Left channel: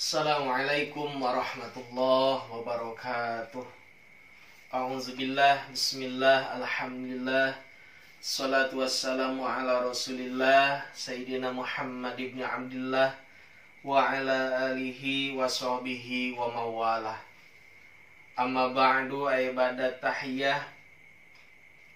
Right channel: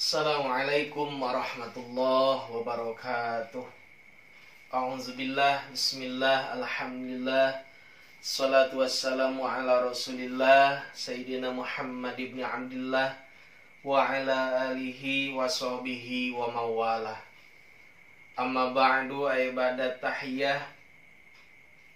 Assalamualaikum warahmatullahi wabarakatuh. A'udzubillah, bismillah, alhamdulillah, salatu wassalamu ala rasulillah Sayyidina Muhammad ibn Abdullah wa ala alihi wa sahbihi wa mawalah. Amma ba'du, ibadat tahiyah.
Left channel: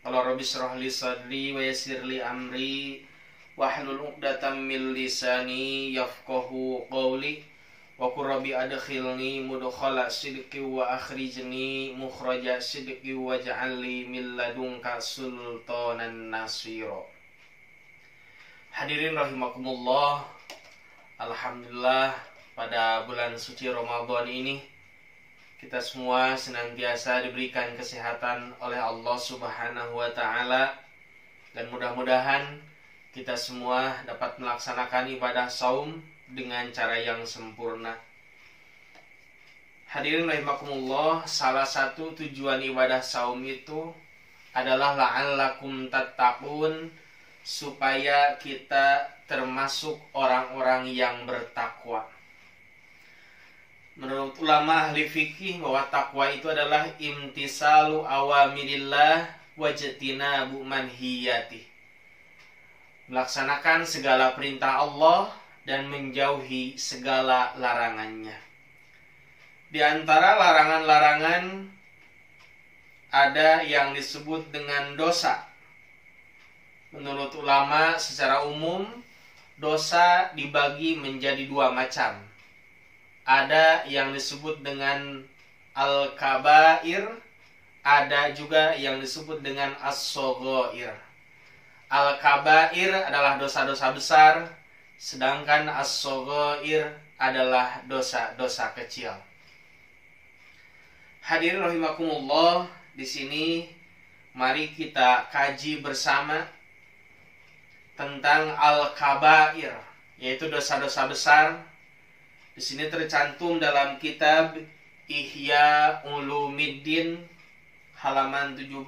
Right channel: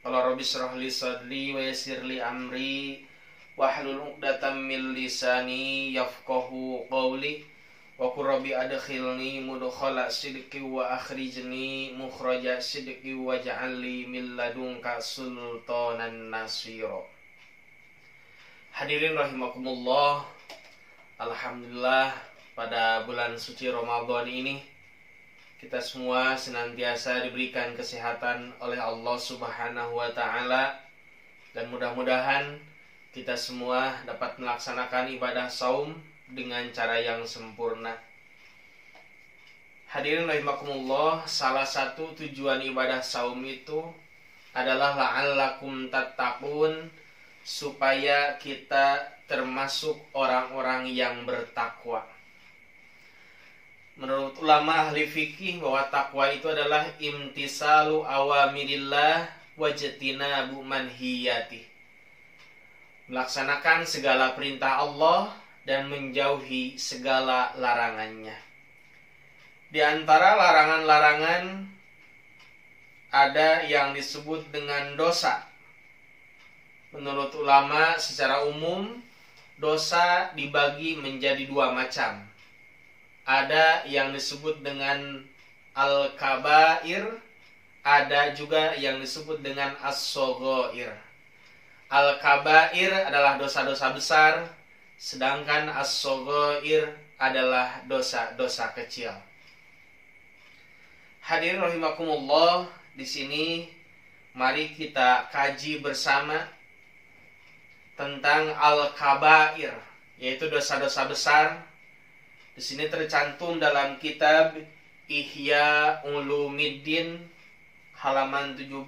Qala rabbi shrah li sadri wa yassir li amri wahlul 'uqdatam min lisani yafqahu qawli. Wa qur rabbi adkhilni mudkhala sidqi wa akhrijni mukhraja sidqi waj'al li min ladunka sultanan nasira. Hadirin rahimakumullah, alhamdulillah pada bulan suci Ramadan ini kita semua senantiasa diberikan kesehatan oleh Allah Subhanahu wa taala, dan mudah-mudahan kita semua dapat melaksanakan ibadah saum dengan cara yang sempurna. Hadirin rahimakumullah, salah satu tujuan ibadah saum itu adalah la'allakum tattaqun, supaya kita termasuk orang-orang yang bertakwa. Menurut ulama ahli fikih bahwa takwa itu adalah imtisalu awamirillah wajtinabu manhiyati, melaksanakan segala perintah Allah dan menjauhi segala larangannya. Di antara larangan-larangan ada yang disebut dengan dosa. Menurut ulama secara umum, dosa dibagi menjadi dua macam. Ada yang disebut dengan al-kabair, ada juga yang disebut dengan as-shaghair. Al-kabair adalah dosa-dosa besar, sedangkan as-shaghair adalah dosa-dosa kecil. Hadirin rahimakumullah, di sini mari kita kaji bersama tentang al-kabair, yaitu dosa-dosa besar. Di sini tercantum dalam kitab Ihya Ulumiddin halaman 17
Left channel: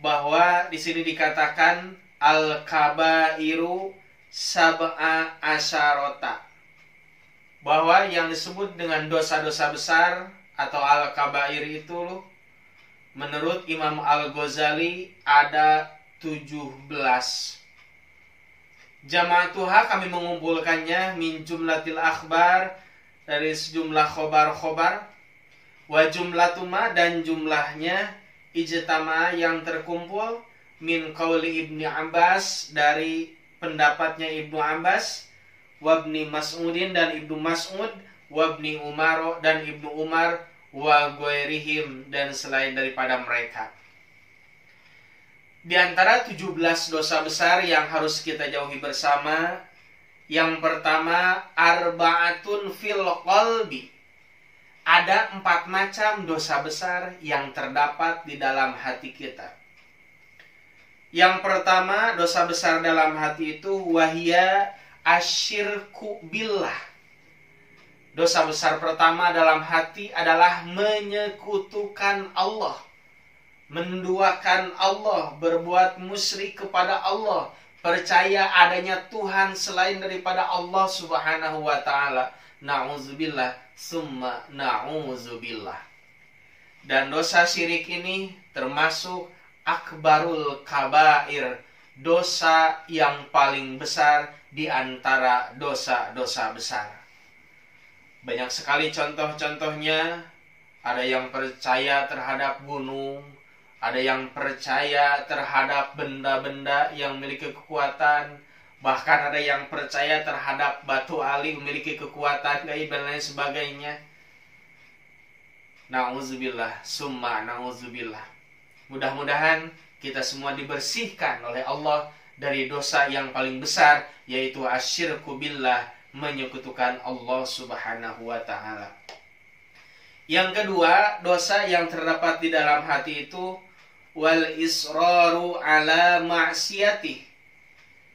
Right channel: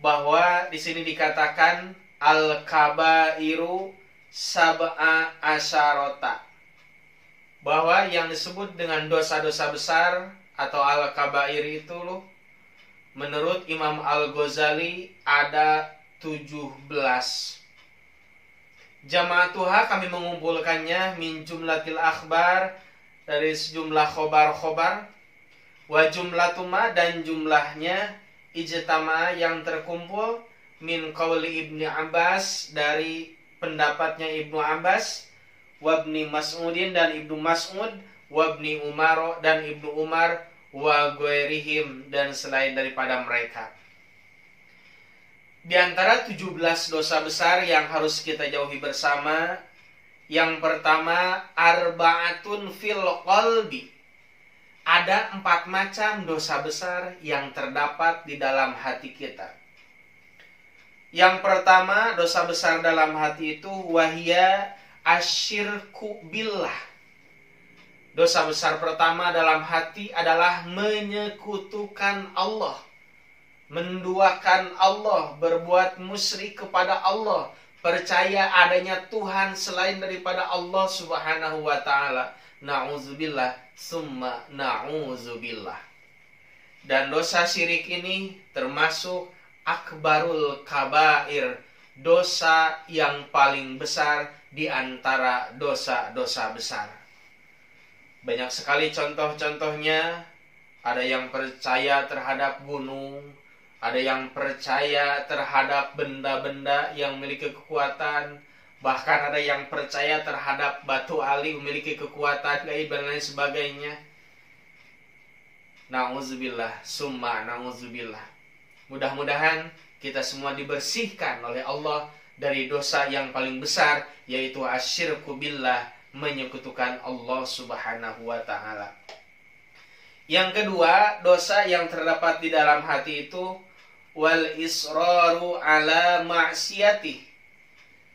bahwa di sini dikatakan al-kabairu sab'a asyarota, bahwa yang disebut dengan dosa-dosa besar atau al-kabair itu menurut Imam Al-Ghazali ada 17. Jama'atuha, kami mengumpulkannya, min jumlatil akhbar, dari sejumlah khobar-khobar, wa jumlatuma, dan jumlahnya, ijtama, yang terkumpul, min qauli Ibni Abbas, dari pendapatnya Ibnu Abbas, wabni Mas'udin, dan Ibnu Mas'ud, wabni Umar, dan Ibnu Umar, wa ghairihim, dan selain daripada mereka. Di antara 17 dosa besar yang harus kita jauhi bersama, yang pertama, arba'atun fil qalbi. Ada 4 macam dosa besar yang terdapat di dalam hati kita. Yang pertama, dosa besar dalam hati itu wahia asyirku billah. Dosa besar pertama dalam hati adalah menyekutukan Allah, menduakan Allah, berbuat musyrik kepada Allah, percaya adanya Tuhan selain daripada Allah Subhanahu wa taala. Na'udzubillah, summa na'udzubillah. Dan dosa syirik ini termasuk akbarul kabair, dosa yang paling besar di antara dosa-dosa besar. Banyak sekali contoh-contohnya. Ada yang percaya terhadap gunung, ada yang percaya terhadap benda-benda yang memiliki kekuatan, bahkan ada yang percaya terhadap batu ali memiliki kekuatan gaib dan lain sebagainya. Na'udzubillah, summa na'udzubillah. Mudah-mudahan kita semua dibersihkan oleh Allah dari dosa yang paling besar, yaitu asyirku billah, menyekutukan Allah Subhanahu wa ta'ala. Yang kedua, dosa yang terdapat di dalam hati itu wal israru ala ma'siyatih,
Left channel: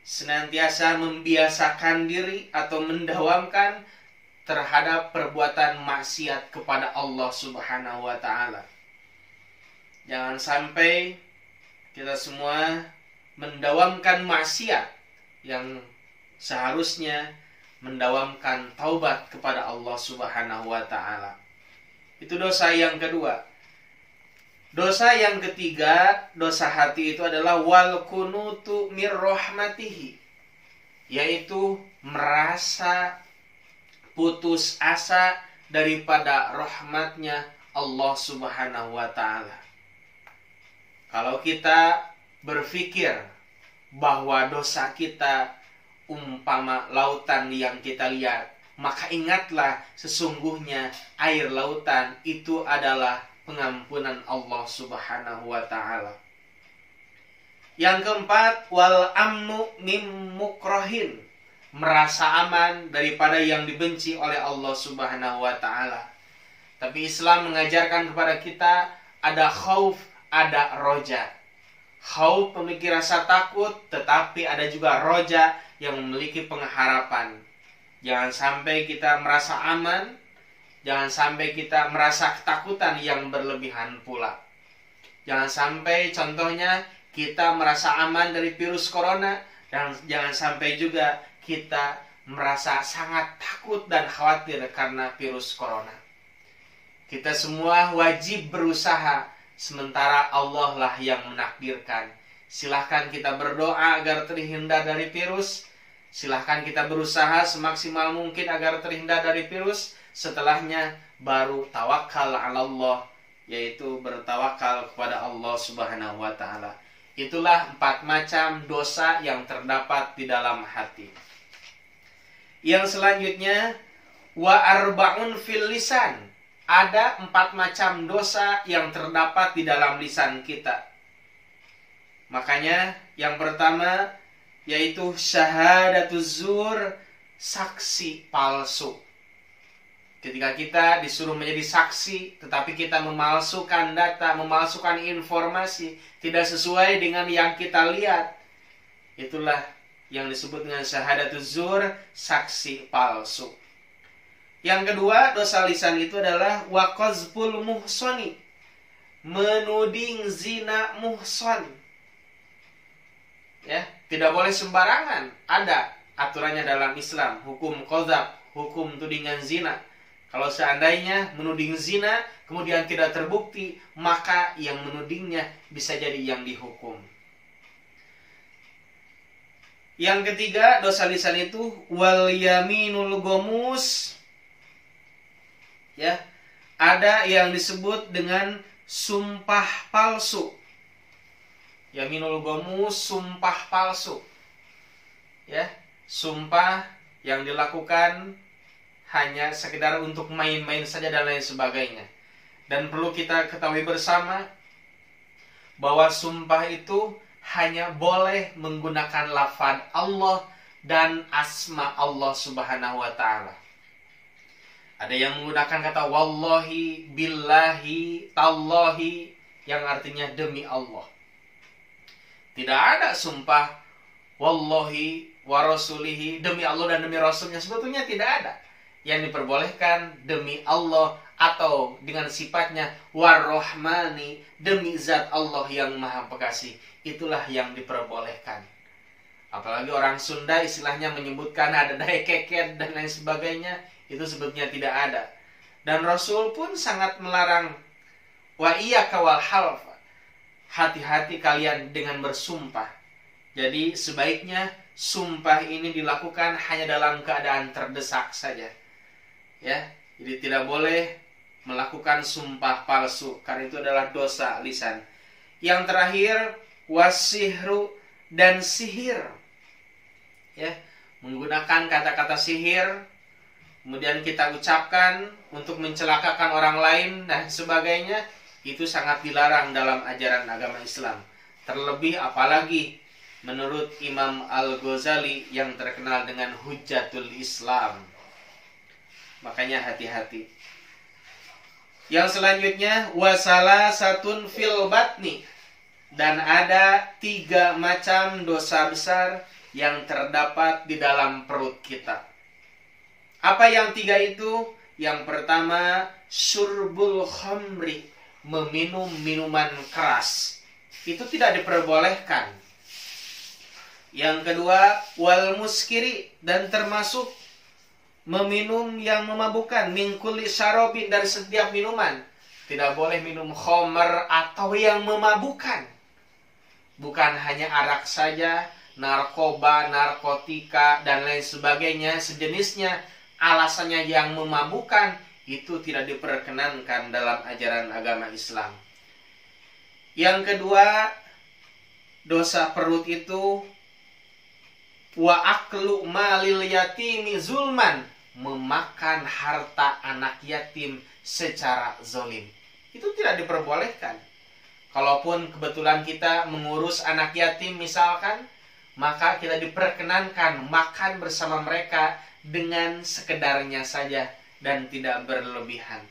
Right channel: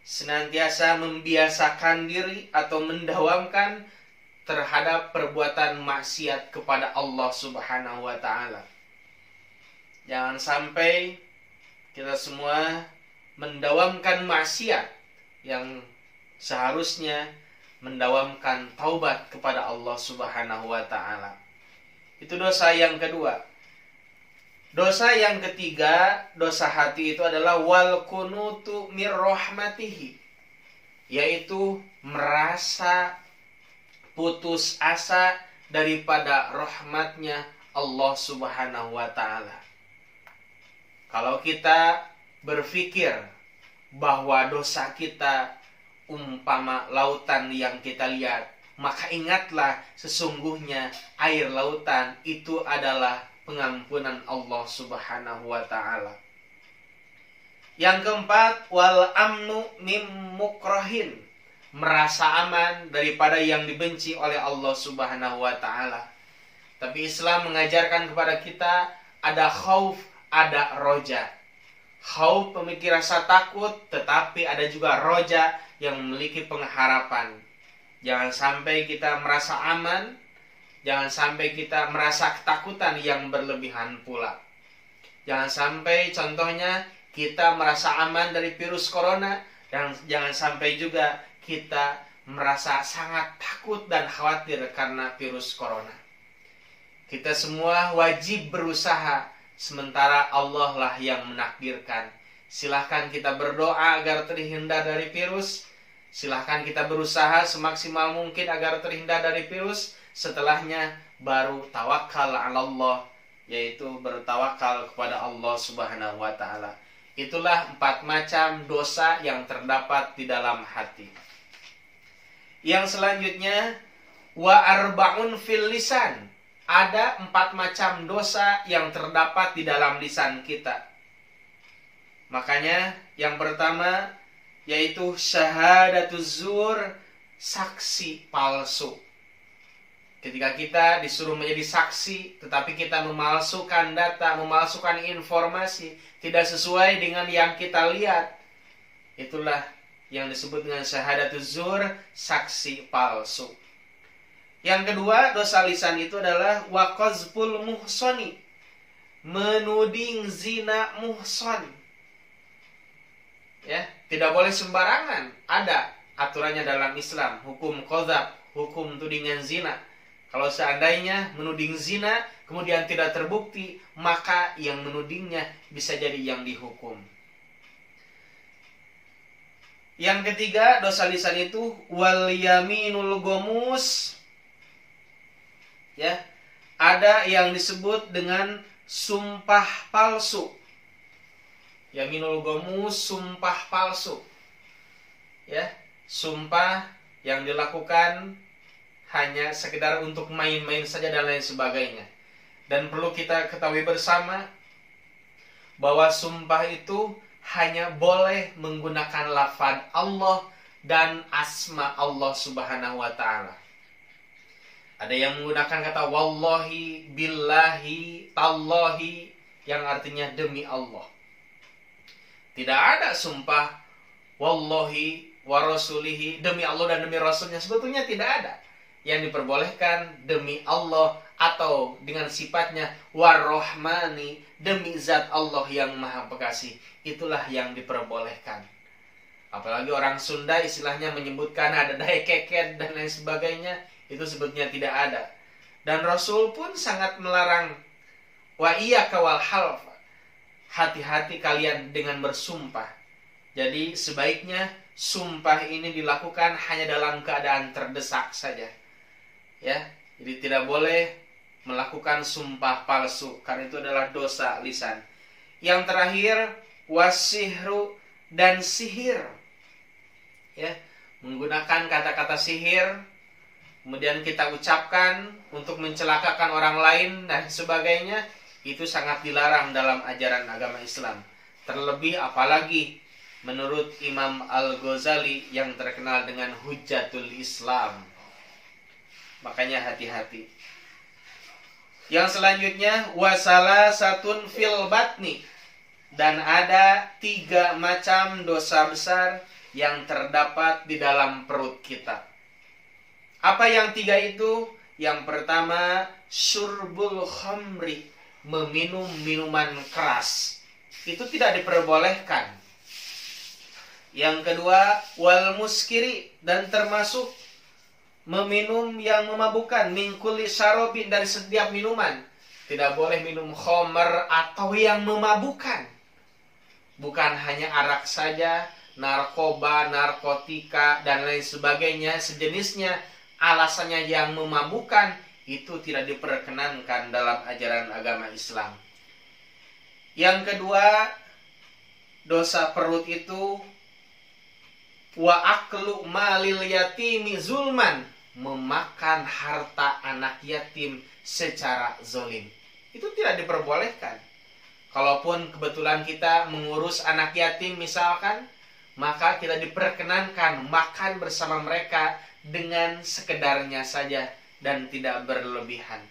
senantiasa membiasakan diri atau mendawamkan terhadap perbuatan maksiat kepada Allah Subhanahu wa ta'ala. Jangan sampai kita semua mendawamkan maksiat yang seharusnya mendawamkan taubat kepada Allah Subhanahu wa taala. Itu dosa yang kedua. Dosa yang ketiga, dosa hati itu adalah wal kunutu mir rahmatihi, yaitu merasa putus asa daripada rahmatnya Allah Subhanahu wa taala. Kalau kita berpikir bahwa dosa kita umpama lautan yang kita lihat, maka ingatlah sesungguhnya air lautan itu adalah pengampunan Allah Subhanahu wa taala. Yang keempat, wal amnu mim mukrohin, merasa aman daripada yang dibenci oleh Allah Subhanahu wa taala. Tapi Islam mengajarkan kepada kita ada khauf, ada roja. Khauf memiliki rasa takut, tetapi ada juga roja yang memiliki pengharapan. Jangan sampai kita merasa aman, jangan sampai kita merasa ketakutan yang berlebihan pula. Jangan sampai contohnya kita merasa aman dari virus corona, dan jangan sampai juga kita merasa sangat takut dan khawatir karena virus corona. Kita semua wajib berusaha, sementara Allah lah yang menakdirkan. Silahkan kita berdoa agar terhindar dari virus. Silahkan kita berusaha semaksimal mungkin agar terhindar dari virus. Setelahnya baru tawakal ala Allah, yaitu bertawakal kepada Allah Subhanahu wa taala. Itulah 4 macam dosa yang terdapat di dalam hati. Yang selanjutnya, wa arba'un fil lisan. Ada 4 macam dosa yang terdapat di dalam lisan kita. Makanya yang pertama yaitu syahadatuz zur, saksi palsu. Ketika kita disuruh menjadi saksi, tetapi kita memalsukan data, memalsukan informasi, tidak sesuai dengan yang kita lihat, itulah yang disebut dengan syahadatuz zur, saksi palsu. Yang kedua, dosa lisan itu adalah waqazful muhsoni, menuding zina muhson. Ya, tidak boleh sembarangan. Ada aturannya dalam Islam, hukum qadzaf, hukum tudingan zina. Kalau seandainya menuding zina kemudian tidak terbukti, maka yang menudingnya bisa jadi yang dihukum. Yang ketiga, dosa lisan itu wal yaminul gomus. Ya, ada yang disebut dengan sumpah palsu. Yaminul gomus, sumpah palsu. Ya, sumpah yang dilakukan hanya sekedar untuk main-main saja dan lain sebagainya. Dan perlu kita ketahui bersama bahwa sumpah itu hanya boleh menggunakan lafaz Allah dan asma Allah Subhanahu wa taala. Ada yang menggunakan kata wallahi, billahi, tallahi, yang artinya demi Allah. Tidak ada sumpah wallahi wa rasulihi, demi Allah dan demi Rasulnya. Sebetulnya tidak ada. Yang diperbolehkan demi Allah atau dengan sifatnya war-Rahmani, demi zat Allah yang Maha Pengasih. Itulah yang diperbolehkan. Apalagi orang Sunda istilahnya menyebutkan ada dae keket dan lain sebagainya. Itu sebetulnya tidak ada. Dan Rasul pun sangat melarang wa iyyaka wal half. Hati-hati kalian dengan bersumpah. Jadi sebaiknya sumpah ini dilakukan hanya dalam keadaan terdesak saja. Ya, jadi tidak boleh melakukan sumpah palsu karena itu adalah dosa lisan. Yang terakhir, wasihru, dan sihir. Ya, menggunakan kata-kata sihir kemudian kita ucapkan untuk mencelakakan orang lain dan sebagainya, itu sangat dilarang dalam ajaran agama Islam. Terlebih apalagi menurut Imam Al-Ghazali yang terkenal dengan Hujjatul Islam. Makanya hati-hati. Yang selanjutnya wasalasatun fil batni, dan ada 3 macam dosa besar yang terdapat di dalam perut kita. Apa yang 3 itu? Yang pertama, syurbul khamri, meminum minuman keras. Itu tidak diperbolehkan. Yang kedua, wal muskiri, dan termasuk meminum yang memabukkan, min kulli syarabin, dari setiap minuman. Tidak boleh minum khamr atau yang memabukkan. Bukan hanya arak saja, narkoba, narkotika, dan lain sebagainya, sejenisnya, alasannya yang memabukkan, itu tidak diperkenankan dalam ajaran agama Islam. Yang kedua, dosa perut itu wa aklu malil yatimi zulman, memakan harta anak yatim secara zolim. Itu tidak diperbolehkan. Kalaupun kebetulan kita mengurus anak yatim misalkan, maka kita diperkenankan makan bersama mereka dengan sekedarnya saja dan tidak berlebihan.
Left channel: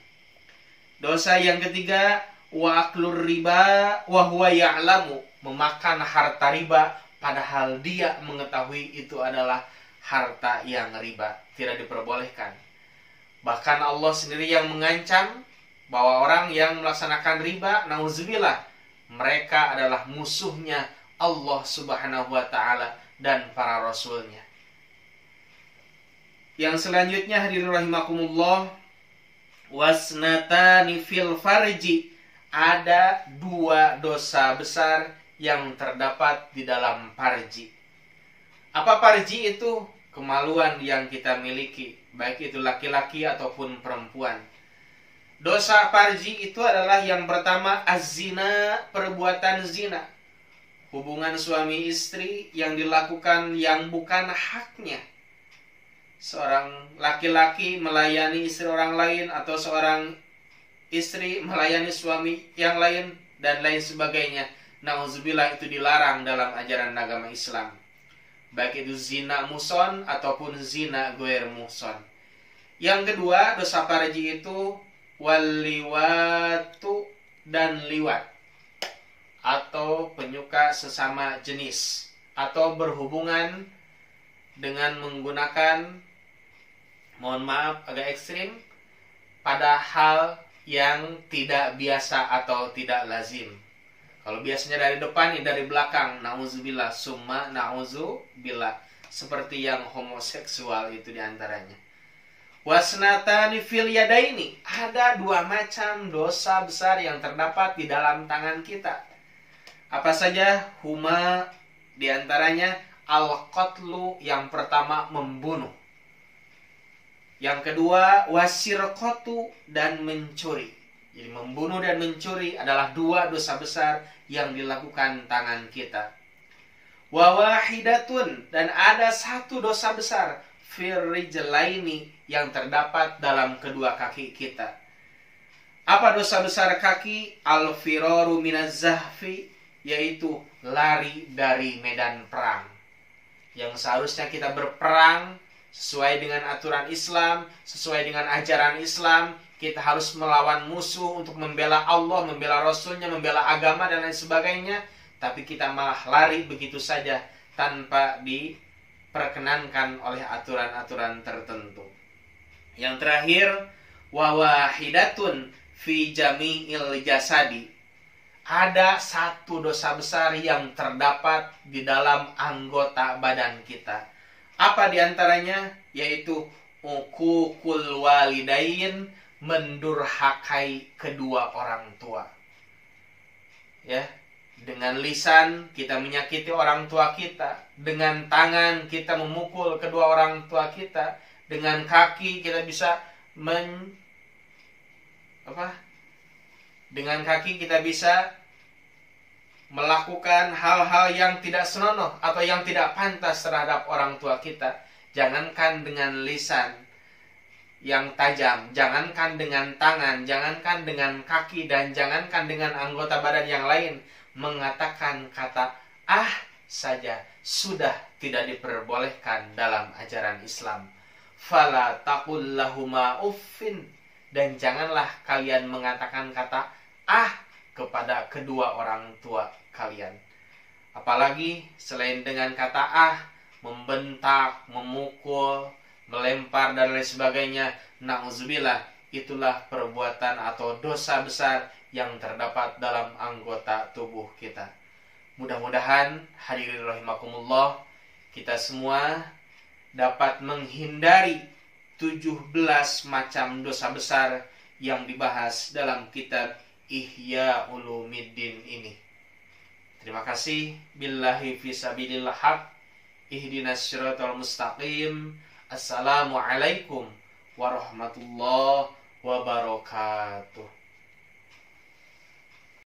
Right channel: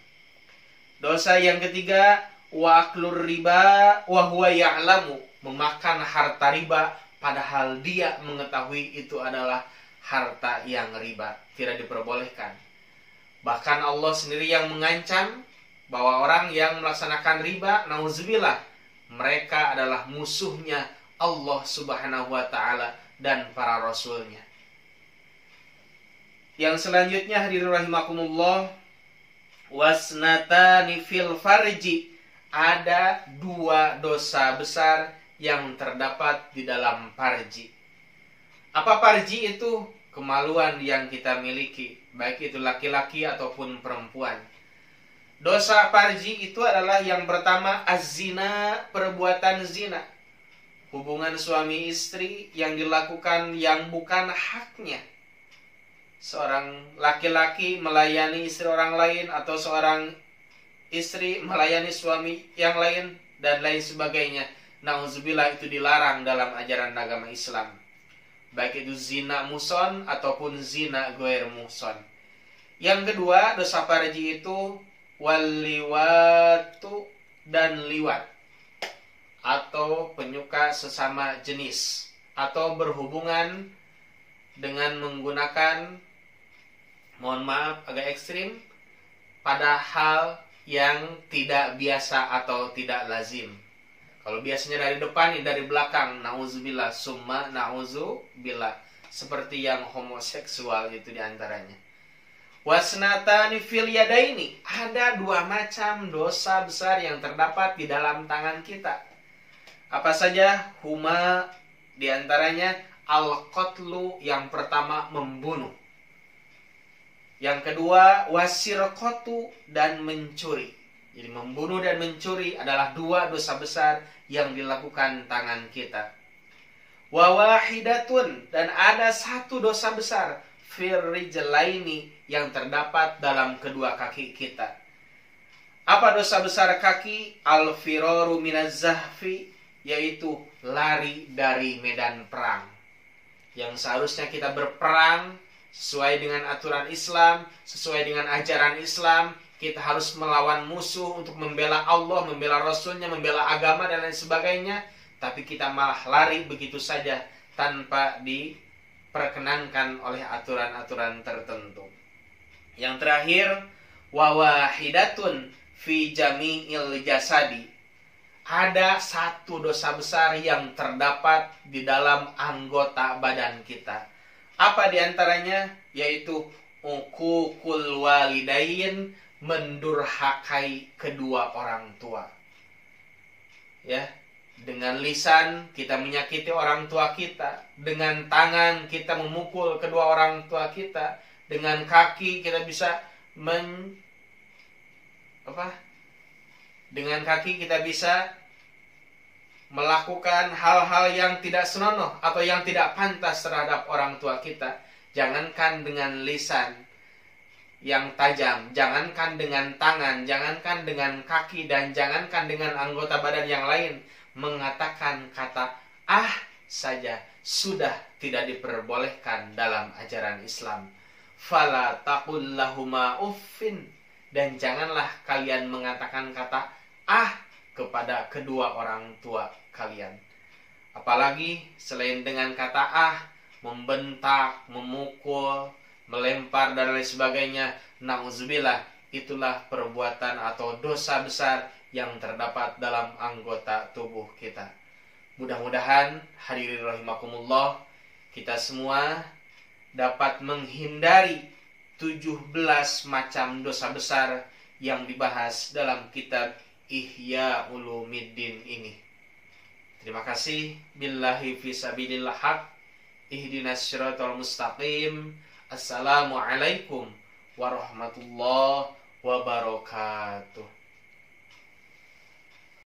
Dosa yang ketiga, wa aklur riba wa huwa ya'lamu, memakan harta riba padahal dia mengetahui itu adalah harta yang riba. Tidak diperbolehkan. Bahkan Allah sendiri yang mengancam bahwa orang yang melaksanakan riba, nauzubillah, mereka adalah musuhnya Allah Subhanahu wa ta'ala dan para rasulnya. Yang selanjutnya, hadirin rahimakumullah, wasnatani fil farji, ada dua dosa besar yang terdapat di dalam farji. Apa farji itu? Kemaluan yang kita miliki, baik itu laki-laki ataupun perempuan. Dosa farji itu adalah yang pertama, az-zina, perbuatan zina. Hubungan suami istri yang dilakukan yang bukan haknya. Seorang laki-laki melayani istri orang lain, atau seorang istri melayani suami yang lain, dan lain sebagainya. Nauzubillah, itu dilarang dalam ajaran agama Islam. Baik itu zina muhson ataupun zina goer muhson. Yang kedua, dosa farji itu waliwatu, dan liwat, atau penyuka sesama jenis, atau berhubungan dengan menggunakan, mohon maaf agak ekstrim, pada hal yang tidak biasa atau tidak lazim. Kalau biasanya dari depan, ini dari belakang, na'udzubillah, summa na'udzubillah, seperti yang homoseksual itu diantaranya. Wasnatani fil yadaini, ada dua macam dosa besar yang terdapat di dalam tangan kita. Apa saja? Huma, diantaranya al-qatlu, yang pertama membunuh. Yang kedua wasirqatu, dan mencuri. Jadi membunuh dan mencuri adalah dua dosa besar yang dilakukan tangan kita. Wa wahidatun, dan ada satu dosa besar, firrijlaini, yang terdapat dalam kedua kaki kita. Apa dosa besar kaki? Al-firaru minaz zahfi, yaitu lari dari medan perang. Yang seharusnya kita berperang sesuai dengan aturan Islam, sesuai dengan ajaran Islam, kita harus melawan musuh untuk membela Allah, membela Rasulnya, membela agama dan lain sebagainya. Tapi kita malah lari begitu saja tanpa diperkenankan oleh aturan-aturan tertentu. Yang terakhir, wawahidatun fi jami'il jasadi, ada satu dosa besar yang terdapat di dalam anggota badan kita. Apa diantaranya? Yaitu uququl walidain, mendurhakai kedua orang tua. Ya, dengan lisan kita menyakiti orang tua kita, dengan tangan kita memukul kedua orang tua kita, dengan kaki kita bisa dengan kaki kita bisa melakukan hal-hal yang tidak senonoh atau yang tidak pantas terhadap orang tua kita. Jangankan dengan lisan yang tajam, jangankan dengan tangan, jangankan dengan kaki, dan jangankan dengan anggota badan yang lain, mengatakan kata ah saja sudah tidak diperbolehkan dalam ajaran Islam. Fala taqul lahuma uffin, dan janganlah kalian mengatakan kata ah kepada kedua orang tua kalian. Apalagi selain dengan kata ah, membentak, memukul, melempar dan lain sebagainya. Na'udzubillah, itulah perbuatan atau dosa besar yang terdapat dalam anggota tubuh kita. Mudah-mudahan hadirin rahimakumullah, kita semua dapat menghindari 17 macam dosa besar yang dibahas dalam kitab Ihya Ulumiddin ini. Terima kasih. Billahi fisabilillah haq. Ihdinas siratal mustaqim. Assalamualaikum warahmatullahi wabarakatuh.